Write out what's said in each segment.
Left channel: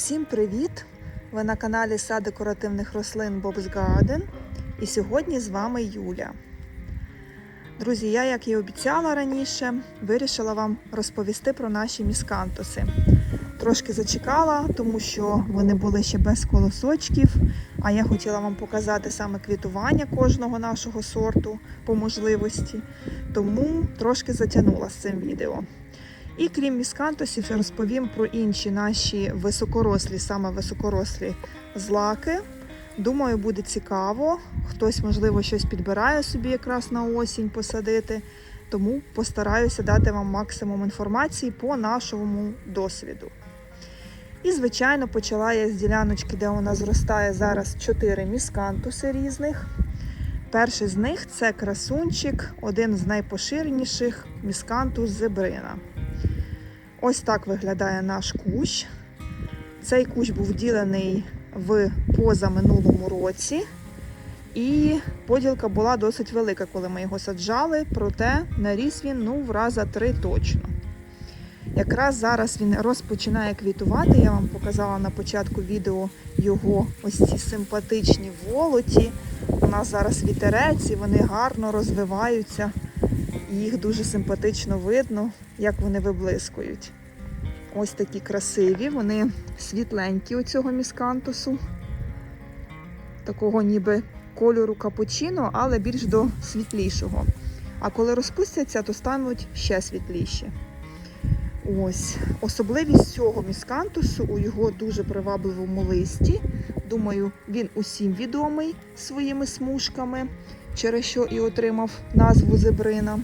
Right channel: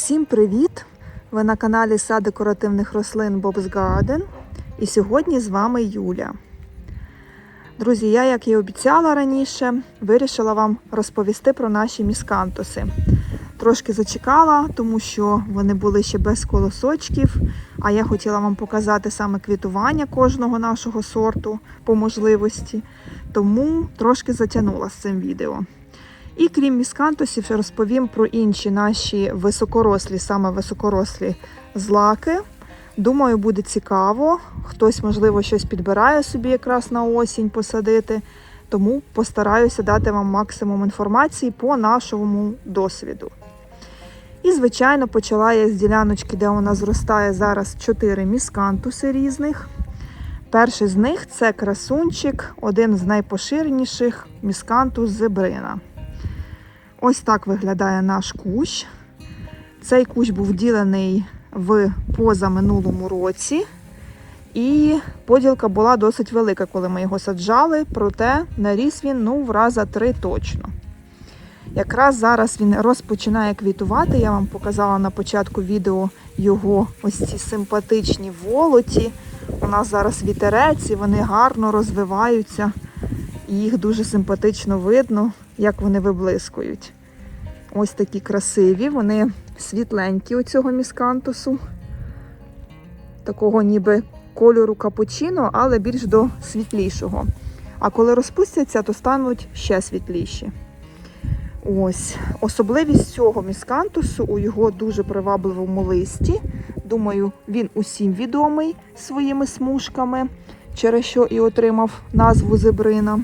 Усім привіт! Ви на каналі Сад декоративних рослин Bob's Garden. І сьогодні з вами Юля. Друзі, я, як і обіцяла раніше, вирішила вам розповісти про наші міскантуси. Трошки зачекала, тому що вони були ще без колосочків. А я хотіла вам показати саме квітування кожного нашого сорту по можливості. Тому трошки затягнула з цим відео. І крім міскантусів, розповім про інші наші високорослі, саме високорослі злаки. Думаю, буде цікаво. Хтось, можливо, щось підбирає собі якраз на осінь посадити. Тому постараюся дати вам максимум інформації по нашому досвіду. І, звичайно, почала я з діляночки, де у нас зростає зараз 4 міскантуси різних. Перший з них це красунчик, один з найпоширеніших міскантус зебрина. Ось так виглядає наш кущ. Цей кущ був вділений в позаминулому році, і поділка була досить велика, коли ми його саджали, проте наріс він ну, в раза три точно. Якраз зараз він розпочинає квітувати. Я вам показала на початку відео його ось ці симпатичні волоті. У нас зараз вітерець і вони гарно розвиваються. Їх дуже симпатично видно, як вони виблискують. Ось такі красиві, вони світленькі у цього міскантусу. Такого ніби кольору капучино, але більш до світлішого. А коли розпустяться, то стануть ще світліші. Ось. Особливість цього міскантусу у його дуже привабливому листі. Думаю, він усім відомий своїми смужками, через що і отримав назву зебрина.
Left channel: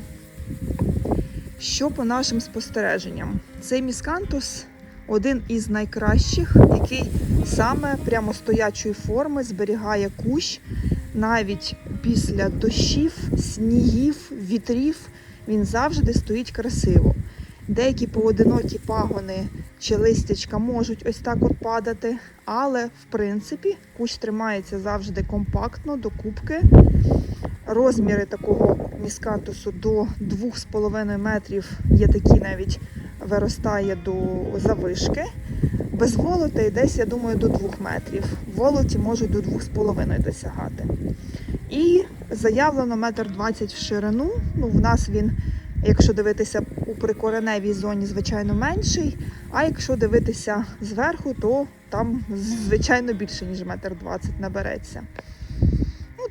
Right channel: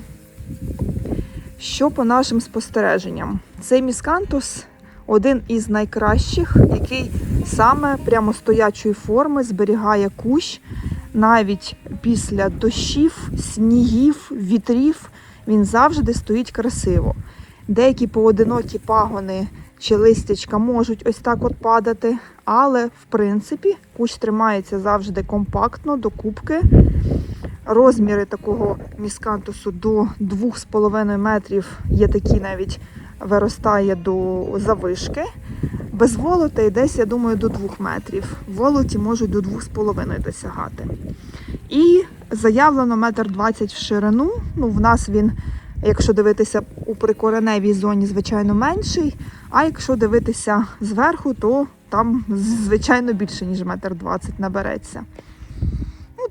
Що по нашим спостереженням? Цей міскантус один із найкращих, який саме прямостоячої форми зберігає кущ навіть після дощів, снігів, вітрів. Він завжди стоїть красиво. Деякі поодинокі пагони чи листячка можуть ось так от падати, але в принципі кущ тримається завжди компактно до кубки. Розміри такого міскантусу до 2,5 метрів є такі навіть виростає до завишки. Без волота і десь, я думаю, до 2 метрів. Волоті можуть до 2,5 досягати. І заявлено метр 20 в ширину. Ну, в нас він, якщо дивитися у прикореневій зоні, звичайно, менший. А якщо дивитися зверху, то там, звичайно, більше, ніж метр 20 набереться.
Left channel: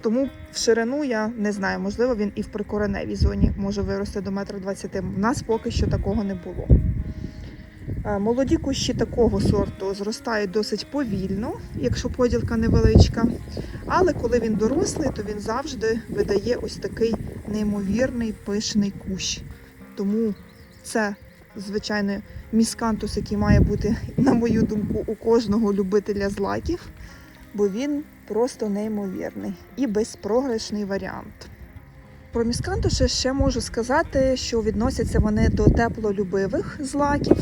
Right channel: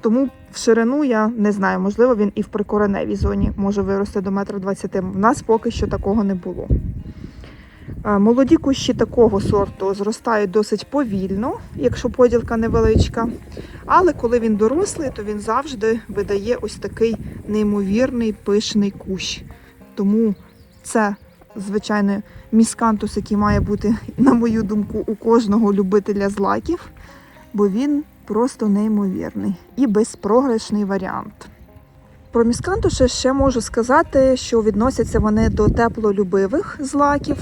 Тому в ширину я не знаю, можливо, він і в прикореневій зоні може вирости до метра 20. В нас поки що такого не було. Молоді кущі такого сорту зростають досить повільно, якщо поділка невеличка. Але коли він дорослий, то він завжди видає ось такий неймовірний пишний кущ. Тому це, звичайно, міскантус, який має бути, на мою думку, у кожного любителя злаків, бо він просто неймовірний і безпрограшний варіант. Про міскантуші ще можу сказати, що відносяться вони до теплолюбивих злаків,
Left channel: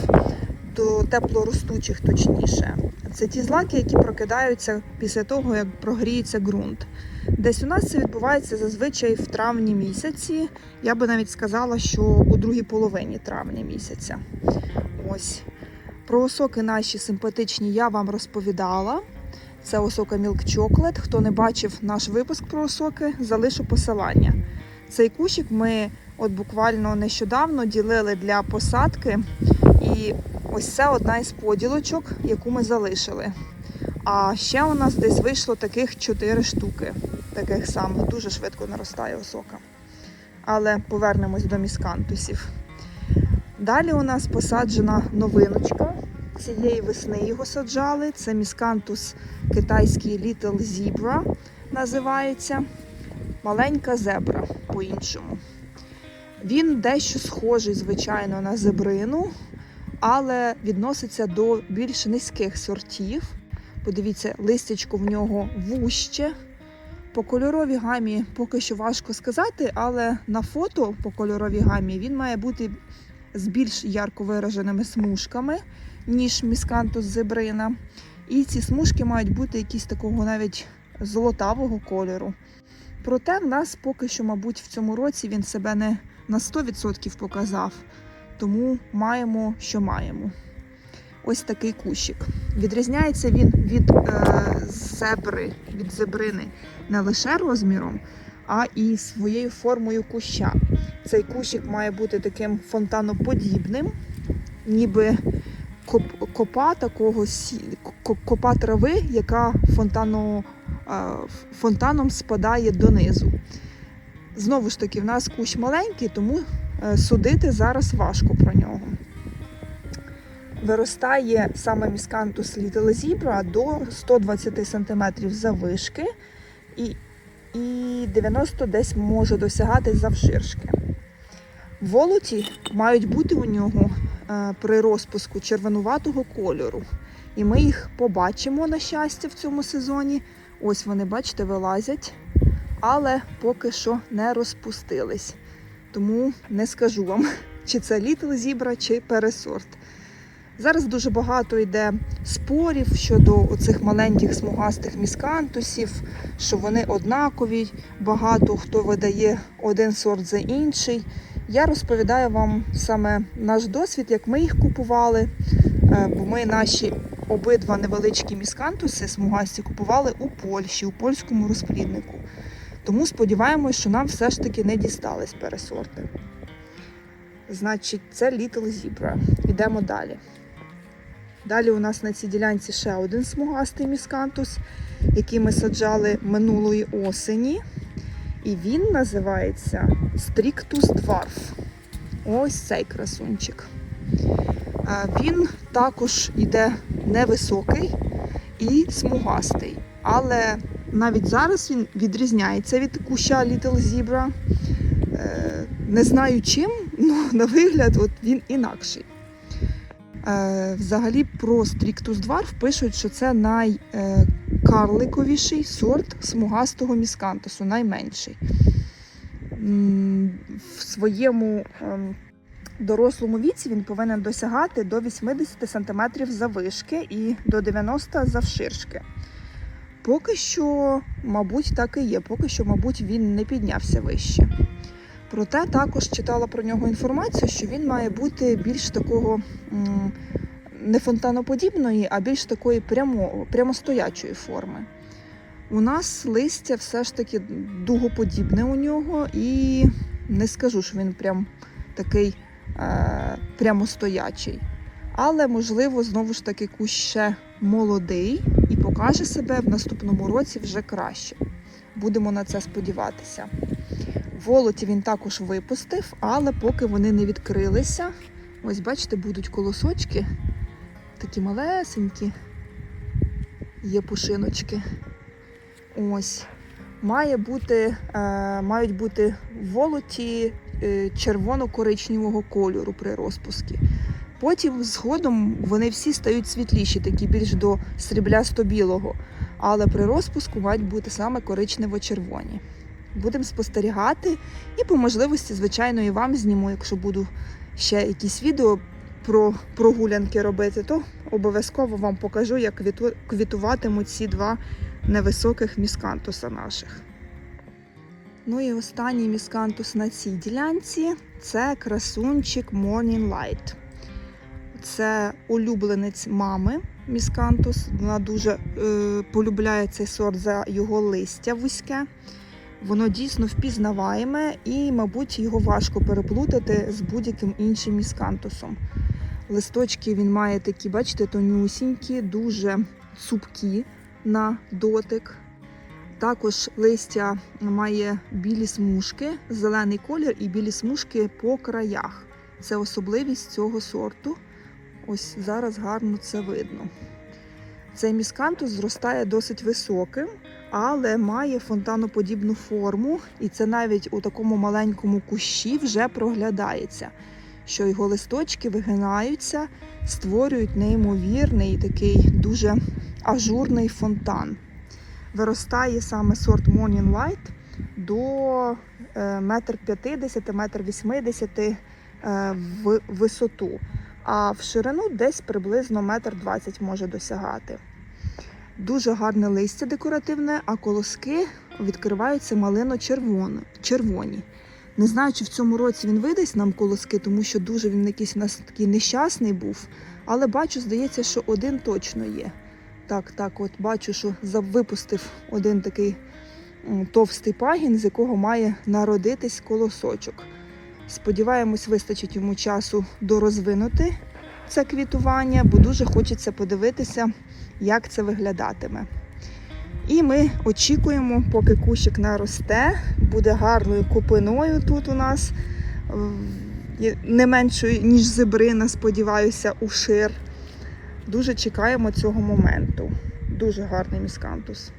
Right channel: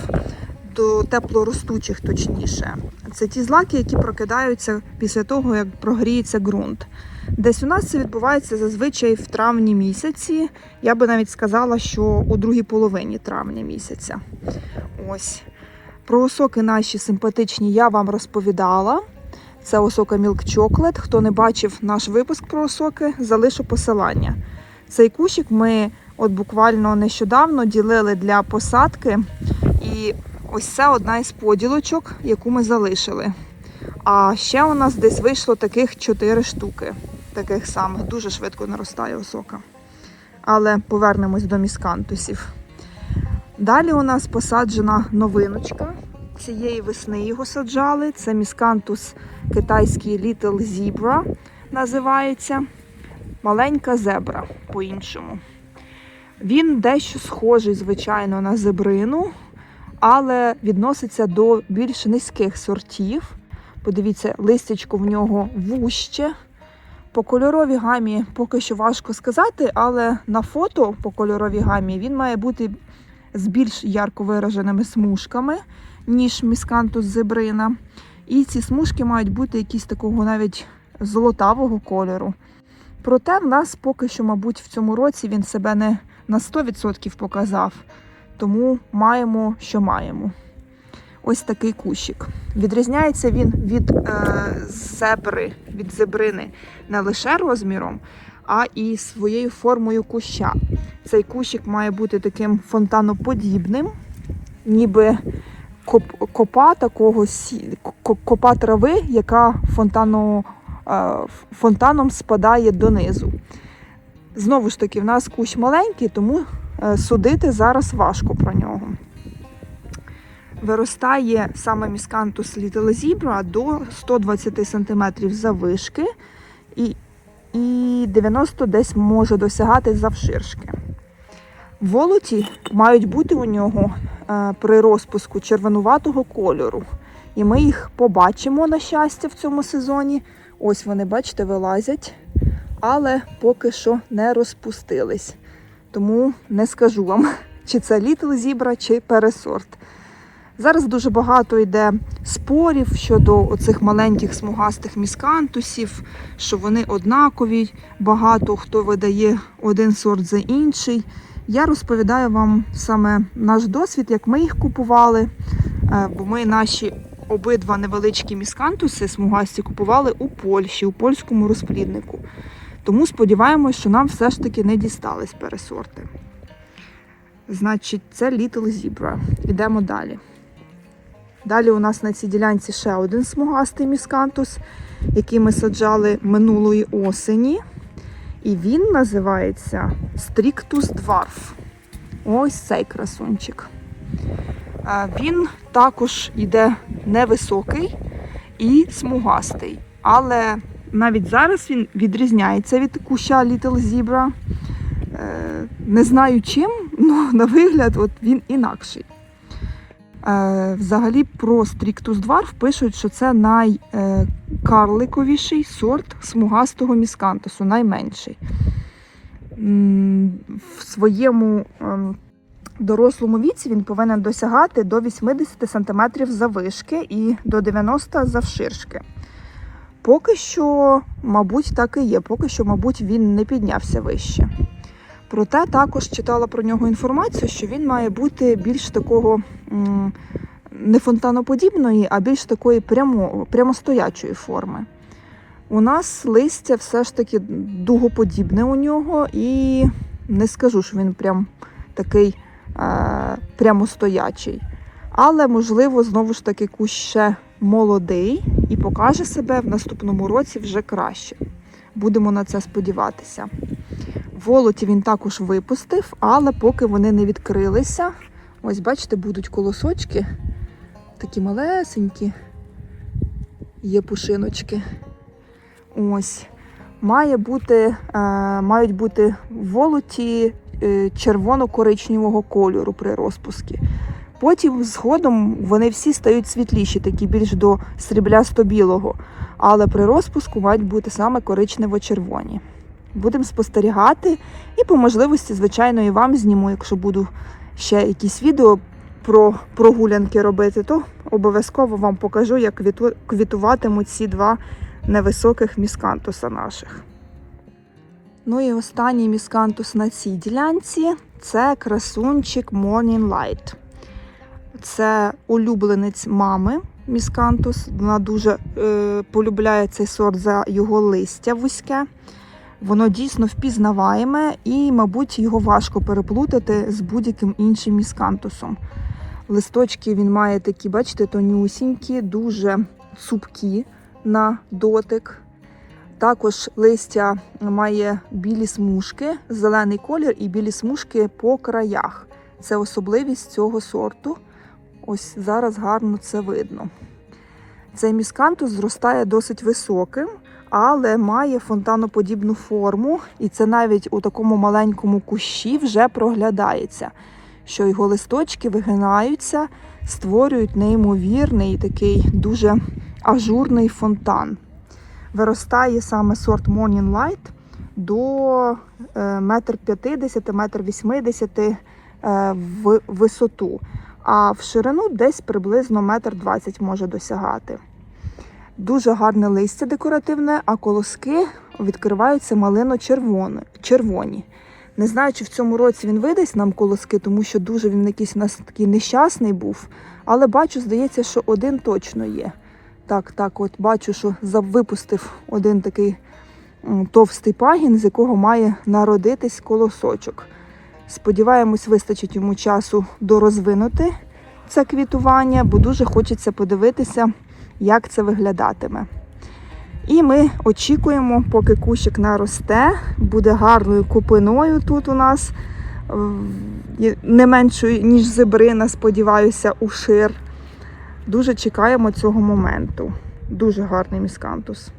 до теплоростучих, точніше. Це ті злаки, які прокидаються після того, як прогріється ґрунт. Десь у нас це відбувається зазвичай в травні місяці. Я би навіть сказала, що у другій половині травня місяця. Ось. Про осоки наші симпатичні я вам розповідала. Це осока Milk Chocolate. Хто не бачив наш випуск про осоки, залишу посилання. Цей кущик ми от буквально нещодавно ділили для посадки. І ось це одна із поділочок, яку ми залишили. А ще у нас десь вийшло таких 4 штуки, таких самих, дуже швидко наростає осока. Але повернемось до міскантусів. Далі у нас посаджена новиночка. Цієї весни його саджали. Це міскантус китайський Little Zebra називається. Маленька зебра по-іншому. Він дещо схожий, звичайно, на зебрину, але відноситься до більш низьких сортів. Подивіться, листячко в нього вуще. По кольоровій гамі поки що важко сказати, але на фото по кольоровій гамі він має бути з більш ярко вираженими смужками, ніж міскантус зебрина. І ці смужки мають бути якісь такого навіть золотавого кольору. Проте в нас поки що, мабуть, в цьому році він себе не на 100% показав, тому маємо, що маємо. ось такий кущик. Відрізняється він від е, зебри, від зебрини не лише розміром, а і своєю формою куща. Цей кущик має бути таким фонтаноподібним, ніби копа такого копа трави, яка фонтану, е, фонтаном спадає донизу. Знову ж таки, в нас кущ маленький, тому е, судити зараз важко про нього. Виростає саме міскантус Zebra до 120 см завишки і, і 90 десь може досягати завширшки. Волоті мають бути у нього при розпуску червонуватого кольору. І ми їх побачимо, на щастя, в цьому сезоні. Ось вони, бачите, вилазять, але поки що не розпустились. Тому не скажу вам, чи це Little Zebra, чи пересорт. Зараз дуже багато йде спорів щодо оцих маленьких смугастих міскантусів, що вони однакові, багато хто видає один сорт за інший. Я розповідаю вам саме наш досвід, як ми їх купували. Е, Бо ми наші обидва невеличкі міскантуси смугасті купували у Польщі, у польському розпліднику. Тому сподіваємось, що нам все ж таки не дістались пересорти. Значить, це Little Zebra. Йдемо далі. Далі у нас на цій ділянці ще один смугастий міскантус, який ми саджали минулої осені. І він називається Strictus Dwarf. Ось цей красунчик. Він також йде невисокий і смугастий. Але навіть зараз він відрізняється від куща Little Zebra. Е, Не знаю чим, але на вигляд от він інакший. Е, Взагалі про Strictus Dwarf пишуть, що це найкарликовіший сорт смугастого міскантусу, найменший. В своєму ем, дорослому віці він повинен досягати до 80 см завишки і до 90 завширшки. Поки що, мабуть, так і є. Поки що, мабуть, він не піднявся вище. Проте також читала про нього інформацію, що він має бути більш такого не фонтаноподібної, а більш такої прямо, прямостоячої форми. У нас листя все ж таки дугоподібне у нього, і не скажу, що він прям такий е, прямостоячий. Але, можливо, знову ж таки кущ ще молодий і покаже себе в наступному році вже краще. Будемо на це сподіватися. Волоті він також випустив, але поки вони не відкрилися. Ось, бачите, будуть колосочки, такі малесенькі, є пушиночки. Ось. Має бути, е, мають бути волоті е, червоно-коричневого кольору при розпуску. Потім згодом вони всі стають світліші, такі більш до сріблясто-білого. Але при розпуску мають бути саме коричнево-червоні. Будемо спостерігати і по можливості, звичайно, і вам зніму, якщо буду ще якісь відео про прогулянки робити, то обов'язково вам покажу, як квітуватимуть ці два невисоких міскантуса наших. Ну і останній міскантус на цій ділянці це красунчик Morning Light. Це улюбленець мами міскантус. Вона дуже е, полюбляє цей сорт за його листя вузьке. Воно дійсно впізнаваєме і, мабуть, його важко переплутати з будь-яким іншим міскантусом. Листочки він має такі, бачите, тонюсінькі, дуже цупкі на дотик. Також листя має білі смужки, зелений колір і білі смужки по краях. Це особливість цього сорту. Ось зараз гарно це видно. Цей міскантус зростає досить високим, але має фонтаноподібну форму, і це навіть у такому маленькому кущі вже проглядається, що його листочки вигинаються, створюють неймовірний такий дуже ажурний фонтан. Виростає саме сорт Morning Light до е, 1,50 м, 1,80 м в висоту, а в ширину десь приблизно 1,20 м може досягати. Дуже гарне листя декоративне, а колоски відкриваються малино-червоні. Не знаю, чи в цьому році він видасть нам колоски, тому що дуже він якийсь у нас такий нещасний був. Але бачу, здається, що один точно є. Так, так, от бачу, що випустив один такий товстий пагін, з якого має народитись колосочок. Сподіваємось, вистачить йому часу дорозвинути це квітування, бо дуже хочеться подивитися, як це виглядатиме. І ми очікуємо, поки кущик наросте, буде гарною купиною тут у нас, е, не меншою, ніж зебрина, сподіваюся, у шир. Дуже чекаємо цього моменту. Дуже гарний міскантус.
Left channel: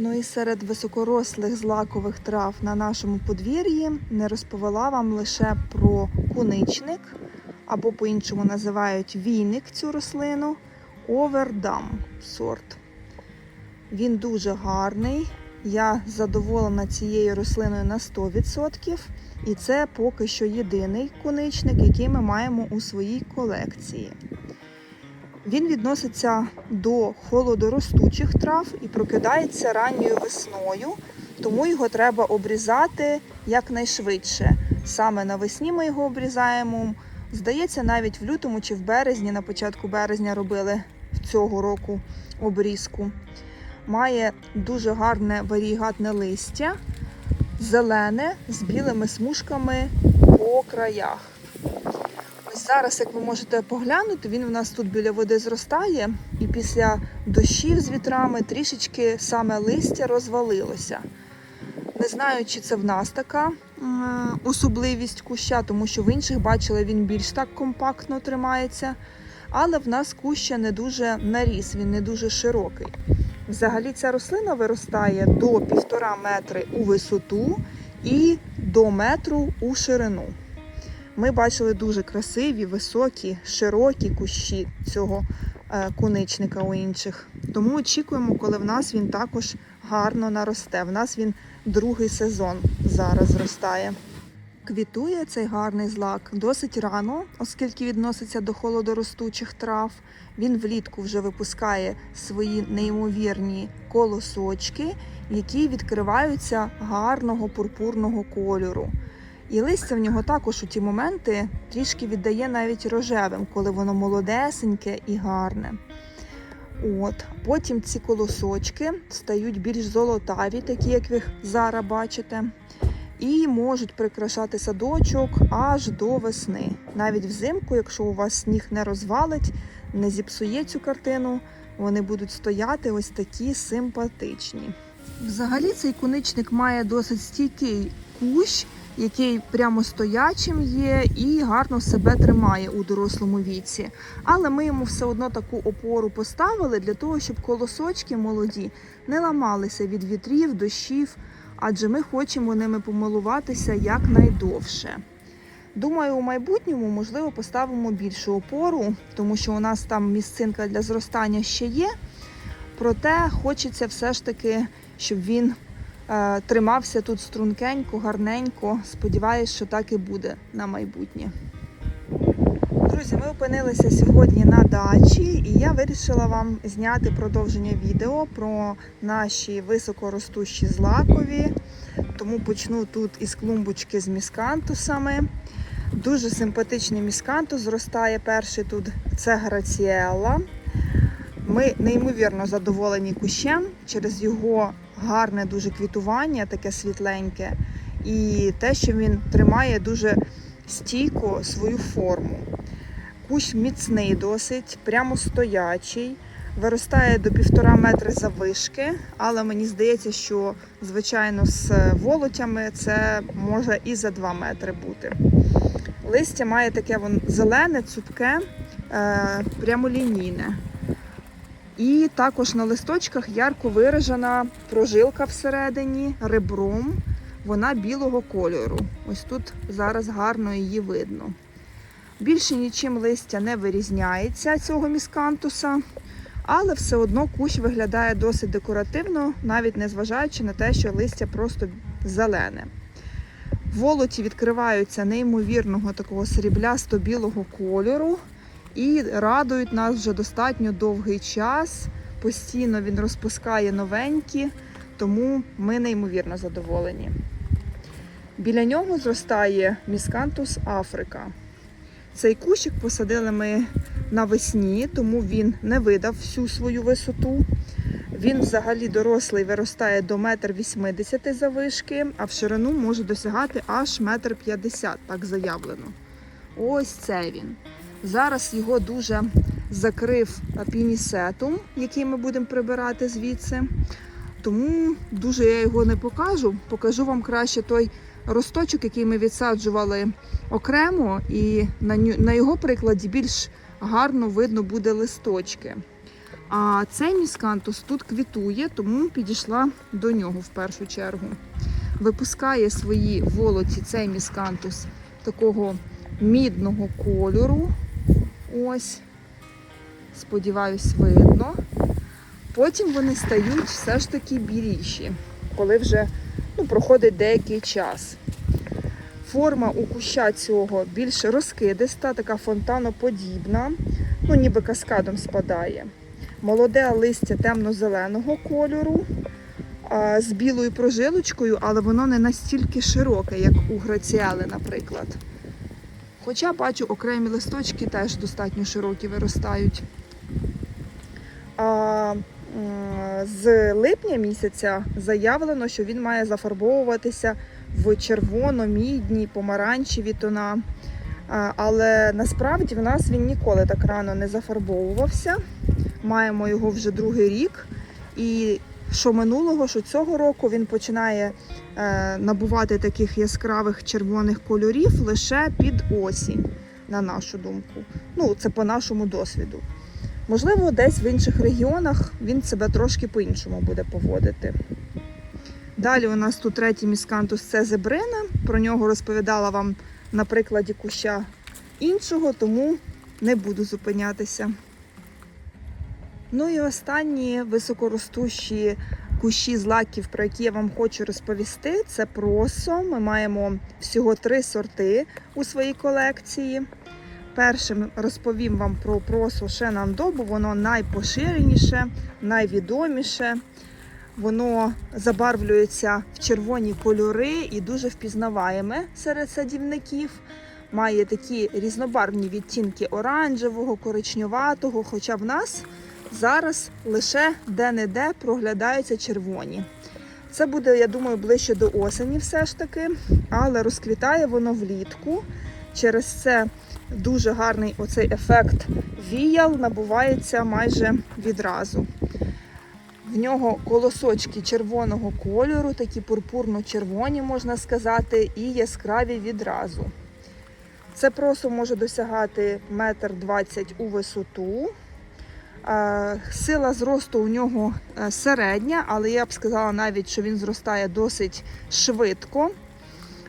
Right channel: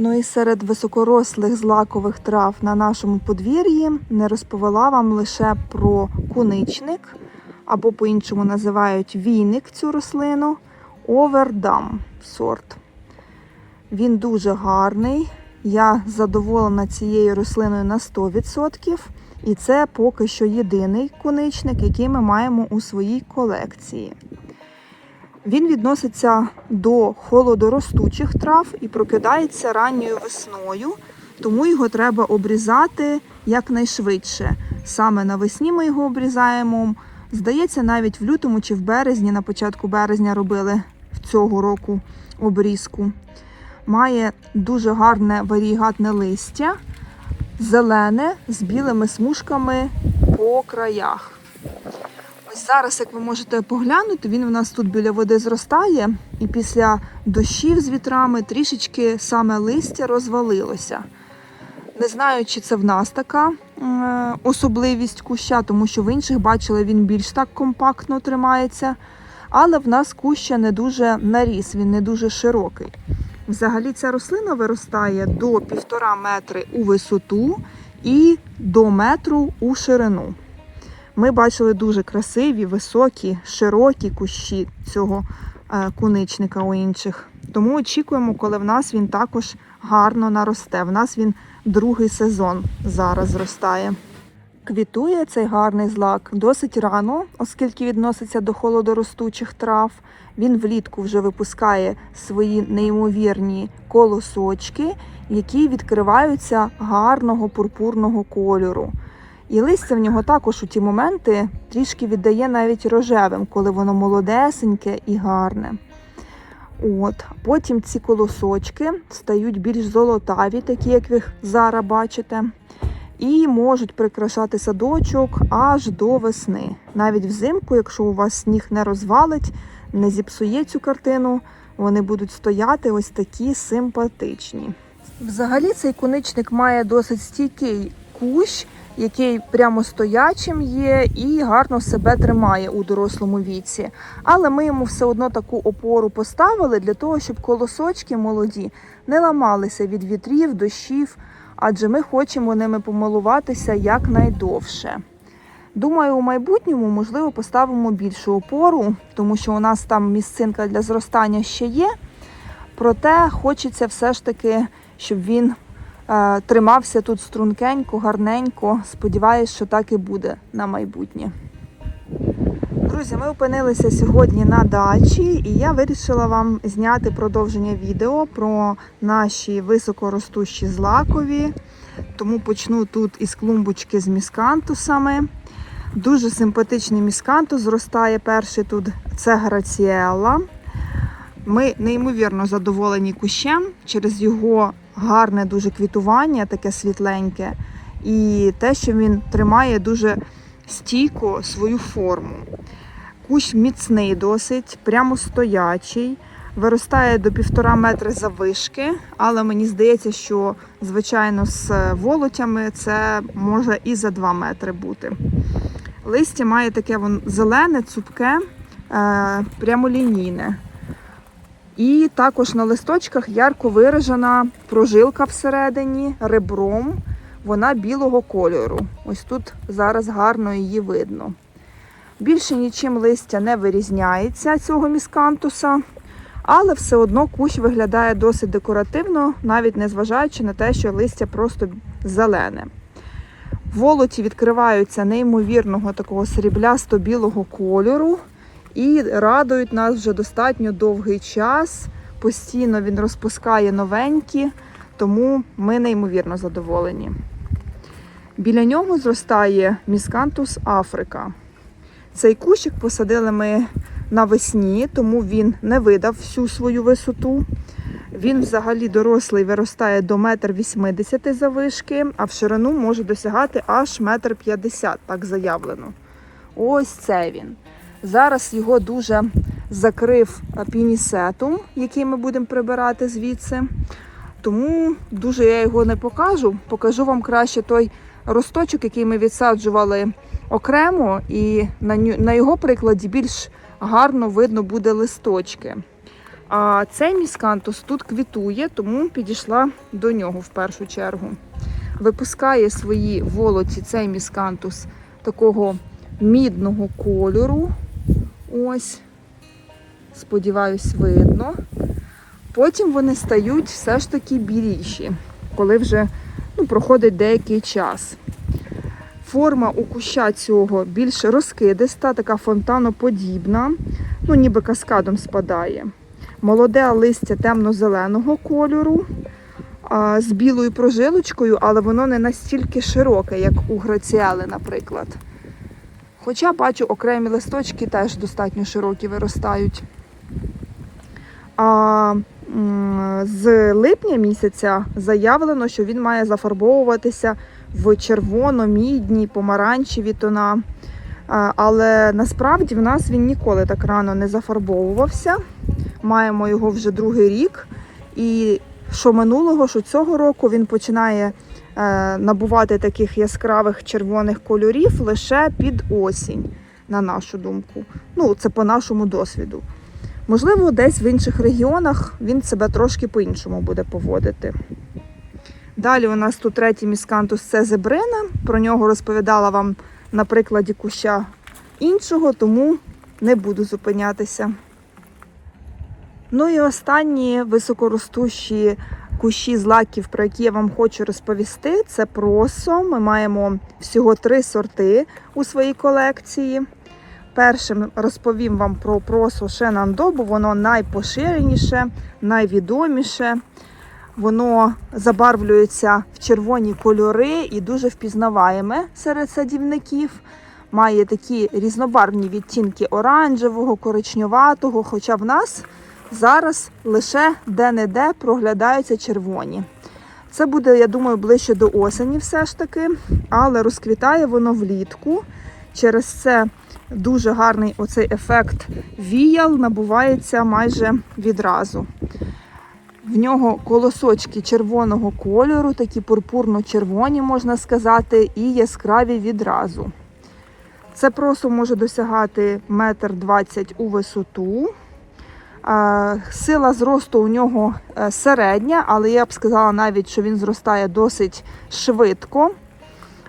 Ну і серед високорослих злакових трав на нашому подвір'ї не розповіла вам лише про куничник, або по-іншому називають війник цю рослину, овердам сорт. Він дуже гарний. Я задоволена цією рослиною на 100%. І це поки що єдиний куничник, який ми маємо у своїй колекції. Він відноситься до холодоростучих трав і прокидається ранньою весною, тому його треба обрізати якнайшвидше. Саме навесні ми його обрізаємо. Здається, навіть в лютому чи в березні, на початку березня робили цього року обрізку. Має дуже гарне варігатне листя, зелене з білими смужками по краях. Зараз, як ви можете поглянути, він в нас тут біля води зростає, і після дощів з вітрами трішечки саме листя розвалилося. Не знаю, чи це в нас така особливість куща, тому що в інших бачила, він більш так компактно тримається. Але в нас куща не дуже наріс, він не дуже широкий. Взагалі ця рослина виростає до півтора метри у висоту і до метру у ширину. Ми бачили дуже красиві, високі, широкі кущі цього е, куничника у інших. Тому очікуємо, коли в нас він також гарно наросте. В нас він другий сезон зараз зростає. Квітує цей гарний злак досить рано, оскільки відноситься до холодоростучих трав. Він влітку вже випускає свої неймовірні колосочки, які відкриваються гарного пурпурного кольору. І листя в нього також у ті моменти трішки віддає навіть рожевим, коли воно молодесеньке і гарне. От. Потім ці колосочки стають більш золотаві, такі, як ви зараз бачите, і можуть прикрашати садочок аж до весни. Навіть взимку, якщо у вас сніг не розвалить, не зіпсує цю картину, вони будуть стояти ось такі симпатичні. Взагалі цей куничник має досить стійкий кущ, який прямо стоячим є і гарно себе тримає у дорослому віці. Але ми йому все одно таку опору поставили для того, щоб колосочки молоді не ламалися від вітрів, дощів, адже ми хочемо ними помилуватися якнайдовше. Думаю, у майбутньому, можливо, поставимо більшу опору, тому що у нас там місцинка для зростання ще є. Проте хочеться все ж таки, щоб він тримався тут стрункенько, гарненько. Сподіваюсь, що так і буде на майбутнє. Друзі, ми опинилися сьогодні на дачі, і я вирішила вам зняти продовження відео про наші високоростущі злакові. Тому почну тут із клумбочки з міскантусами. Дуже симпатичний міскантус зростає перший тут. Це граціелла. Ми неймовірно задоволені кущем через його гарне дуже квітування, таке світленьке, і те, що він тримає дуже стійко свою форму. Кущ міцний досить, прямо стоячий, виростає до півтора метри завишки, але мені здається, що звичайно з волотями це може і за 2 метри бути. Листя має таке вон, зелене, цупке, е, прямолінійне. І також на листочках ярко виражена прожилка всередині ребром. Вона білого кольору. Ось тут зараз гарно її видно. Більше нічим листя не вирізняється цього міскантуса, але все одно кущ виглядає досить декоративно, навіть незважаючи на те, що листя просто зелене. Волоті відкриваються неймовірного такого сріблясто-білого кольору і радують нас вже достатньо довгий час. Постійно він розпускає новенькі, тому ми неймовірно задоволені. Біля нього зростає міскантус Африка. Цей кущик посадили ми навесні, тому він не видав всю свою висоту. Він взагалі дорослий виростає до 1,80 м завишки, а в ширину може досягати аж 1,50 м, так заявлено. Ось це він. Зараз його дуже закрив пінісетум, який ми будемо прибирати звідси. Тому дуже я його не покажу. Покажу вам краще той росточок, який ми відсаджували окремо, і на, його прикладі більш гарно видно буде листочки. А цей міскантус тут квітує, тому підійшла до нього в першу чергу. Випускає свої волоці цей міскантус такого мідного кольору. Ось, сподіваюсь, видно. Потім вони стають все ж таки біліші, коли вже ну, проходить деякий час. Форма у куща цього більш розкидиста, така фонтаноподібна, ну ніби каскадом спадає. Молоде листя темно-зеленого кольору а, з білою прожилочкою, але воно не настільки широке, як у граціели, наприклад. Хоча бачу, окремі листочки теж достатньо широкі виростають. А з липня місяця заявлено, що він має зафарбовуватися в червоно-мідні, помаранчеві тона. Але насправді в нас він ніколи так рано не зафарбовувався. Маємо його вже другий рік. І що минулого, що цього року він починає набувати таких яскравих червоних кольорів лише під осінь, на нашу думку. Ну, це по нашому досвіду. Можливо, десь в інших регіонах він себе трошки по-іншому буде поводити. Далі у нас тут третій міскантус це зебрина. Про нього розповідала вам на прикладі куща іншого, тому не буду зупинятися. Ну і останні високоростущі кущі злаків, про які я вам хочу розповісти, це просо. Ми маємо всього три сорти у своїй колекції. Першим розповім вам про просо Шенандо, бо воно найпоширеніше, найвідоміше. Воно забарвлюється в червоні кольори і дуже впізнаваєме серед садівників. Має такі різнобарвні відтінки оранжевого, коричневатого, хоча в нас зараз лише де-не-де проглядаються червоні. Це буде, я думаю, ближче до осені все ж таки, але розквітає воно влітку. Через це дуже гарний оцей ефект віял набувається майже відразу. В нього колосочки червоного кольору, такі пурпурно-червоні, можна сказати, і яскраві відразу. Це просто може досягати метр двадцять у висоту. Сила зросту у нього е, середня, але я б сказала навіть, що він зростає досить швидко.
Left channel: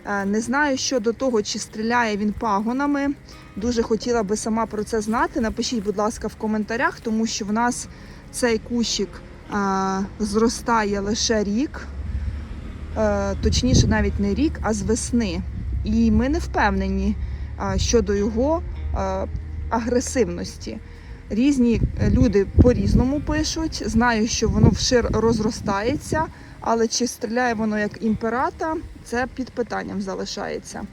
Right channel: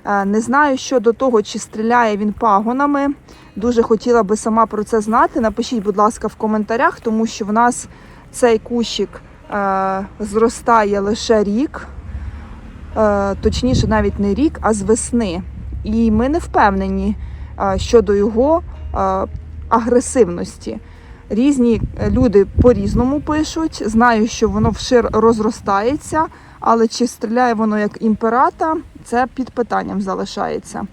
Е, Не знаю щодо того, чи стріляє він пагонами. Дуже хотіла би сама про це знати. Напишіть, будь ласка, в коментарях, тому що в нас цей кущик е, зростає лише рік, точніше, навіть не рік, а з весни. І ми не впевнені щодо його агресивності. Різні люди по-різному пишуть. Знаю, що воно вшир розростається, але чи стріляє воно як імперата, це під питанням залишається.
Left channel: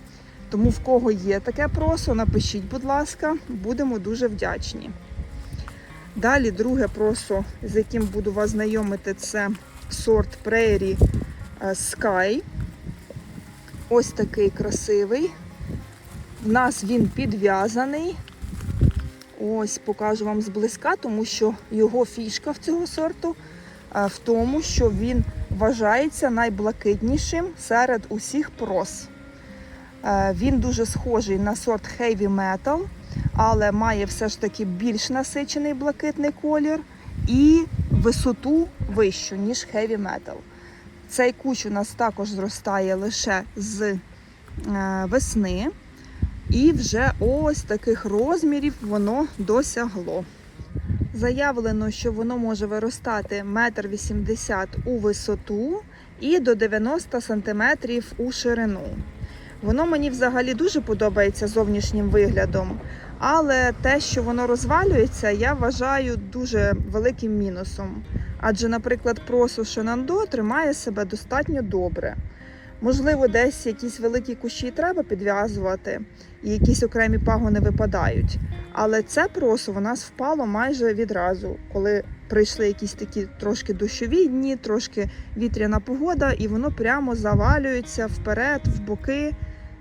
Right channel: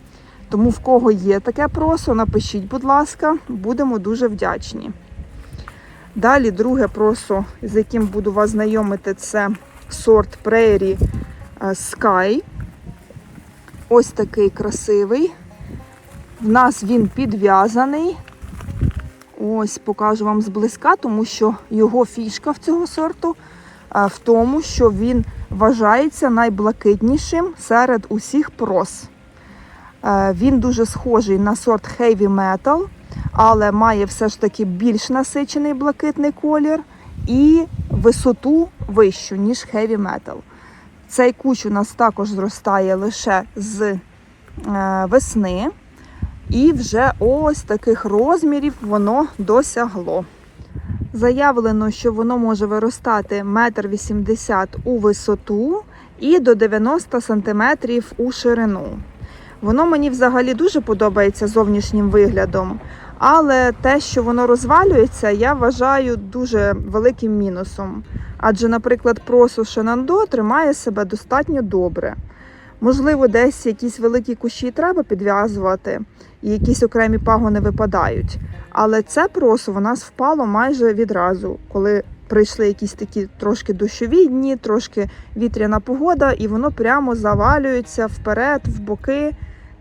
Тому в кого є таке просо, напишіть, будь ласка, будемо дуже вдячні. Далі друге просо, з яким буду вас знайомити, це сорт Prairie е, Sky. Ось такий красивий. В нас він підв'язаний. Ось покажу вам зблизька, тому що його фішка в цього сорту в тому, що він вважається найблакитнішим серед усіх прос. Е, Він дуже схожий на сорт Heavy Metal, але має все ж таки більш насичений блакитний колір і висоту вищу, ніж Heavy Metal. Цей кущ у нас також зростає лише з е, весни. І вже ось таких розмірів воно досягло. Заявлено, що воно може виростати 1,80 м у висоту і до 90 см у ширину. Воно мені взагалі дуже подобається зовнішнім виглядом, але те, що воно розвалюється, я вважаю дуже великим мінусом. Адже, наприклад, просо Шенандо тримає себе достатньо добре. Можливо, десь якісь великі кущі треба підв'язувати, і якісь окремі пагони випадають. Але це просо в нас впало майже відразу, коли прийшли якісь такі трошки дощові дні, трошки вітряна погода, і воно прямо завалюється вперед, в боки.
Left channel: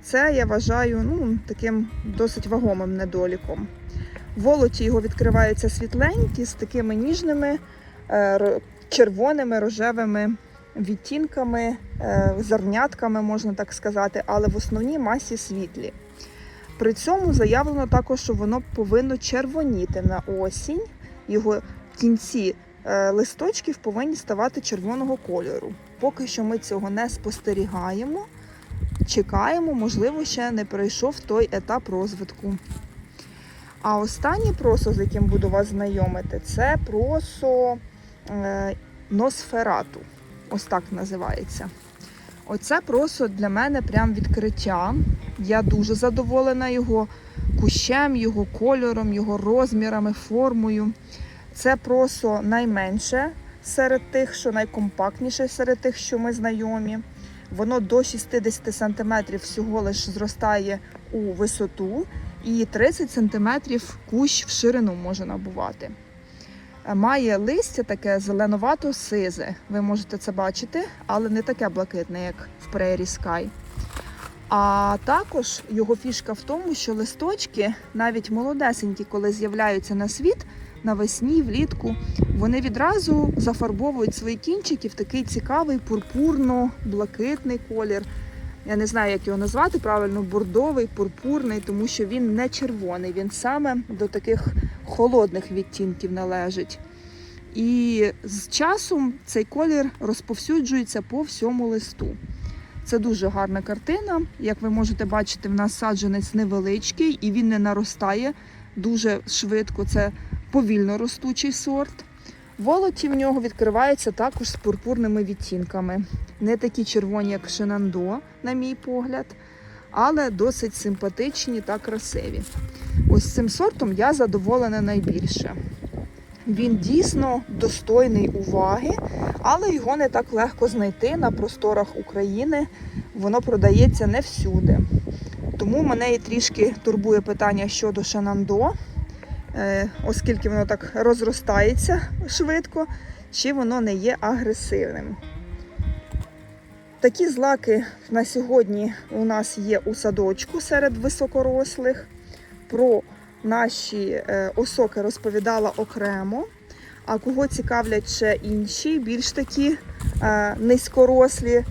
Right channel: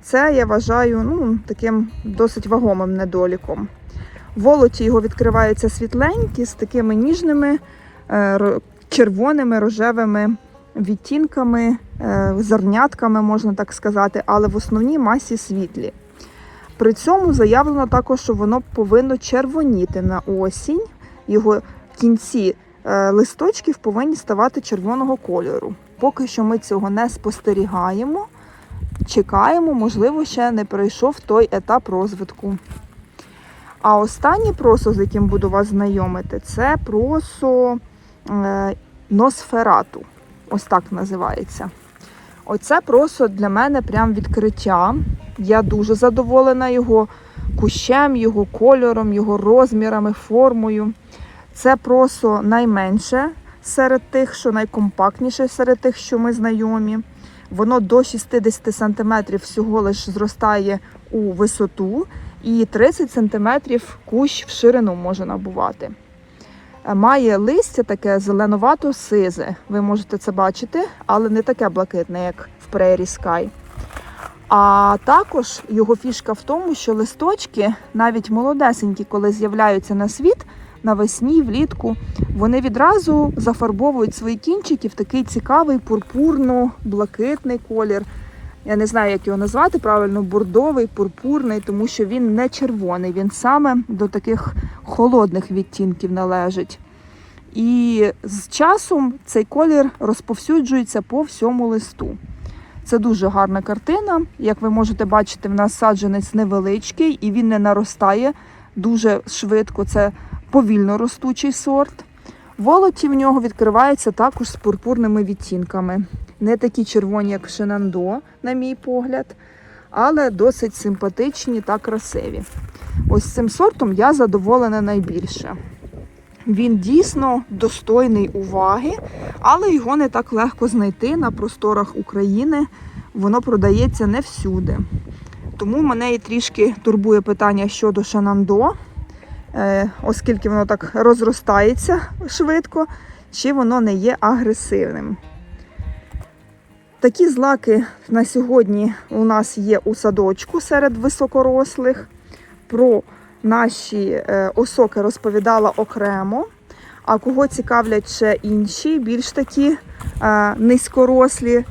Це я вважаю ну, таким досить вагомим недоліком. Волоті його відкриваються світленькі з такими ніжними е, червоними рожевими відтінками, е, зернятками, можна так сказати, але в основній масі світлі. При цьому заявлено також, що воно повинно червоніти на осінь. Його кінці е, листочків повинні ставати червоного кольору. Поки що ми цього не спостерігаємо. Чекаємо, можливо, ще не пройшов той етап розвитку. А останній просо, з яким буду вас знайомити, це просо е, носферату. Ось так називається. Оце просо для мене прям відкриття. Я дуже задоволена його кущем, його кольором, його розмірами, формою. Це просо найменше серед тих, що найкомпактніше серед тих, що ми знайомі. Воно до 60 см всього лиш зростає у висоту, і 30 см кущ в ширину може набувати. Має листя таке зеленувато-сизе. Ви можете це бачити, але не таке блакитне, як в Prairie Sky. А також його фішка в тому, що листочки, навіть молодесенькі, коли з'являються на світ навесні, влітку, вони відразу зафарбовують свої кінчики в такий цікавий пурпурно-блакитний колір. Я не знаю, як його назвати правильно, бордовий, пурпурний, тому що він не червоний, він саме до таких холодних відтінків належить. І з часом цей колір розповсюджується по всьому листу. Це дуже гарна картина. Як ви можете бачити, в нас саджанець невеличкий і він не наростає дуже швидко. Це повільно ростучий сорт. Волоті в нього відкриваються також з пурпурними відтінками. Не такі червоні, як Шенандо, на мій погляд, але досить симпатичні та красиві. Ось цим сортом я задоволена найбільше. Він дійсно достойний уваги, але його не так легко знайти на просторах України. Воно продається не всюди. Тому мене і трішки турбує питання щодо Шанандо, е, оскільки воно так розростається швидко, чи воно не є агресивним. Такі злаки на сьогодні у нас є у садочку серед високорослих. Про наші е, осоки розповідала окремо. А кого цікавлять ще інші, більш такі е, низькорослі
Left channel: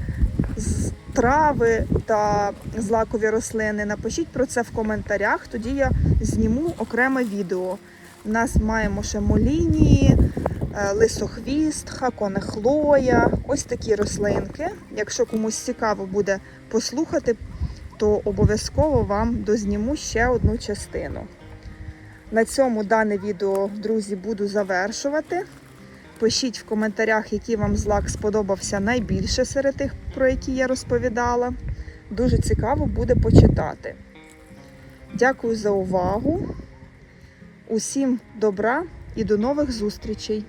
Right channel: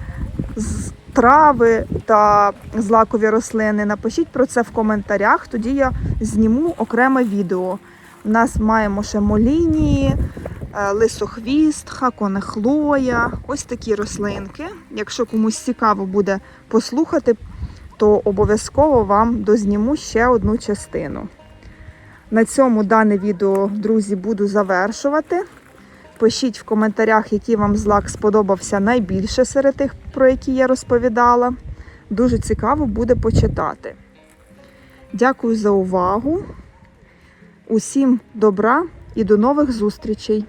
трави та злакові рослини, напишіть про це в коментарях, тоді я зніму окреме відео. У нас маємо ще молінії, е, лисохвіст, хаконехлоя, ось такі рослинки. Якщо комусь цікаво буде послухати, то обов'язково вам дозніму ще одну частину. На цьому дане відео, друзі, буду завершувати. Пишіть в коментарях, який вам злак сподобався найбільше серед тих, про які я розповідала. Дуже цікаво буде почитати. Дякую за увагу. Усім добра і до нових зустрічей!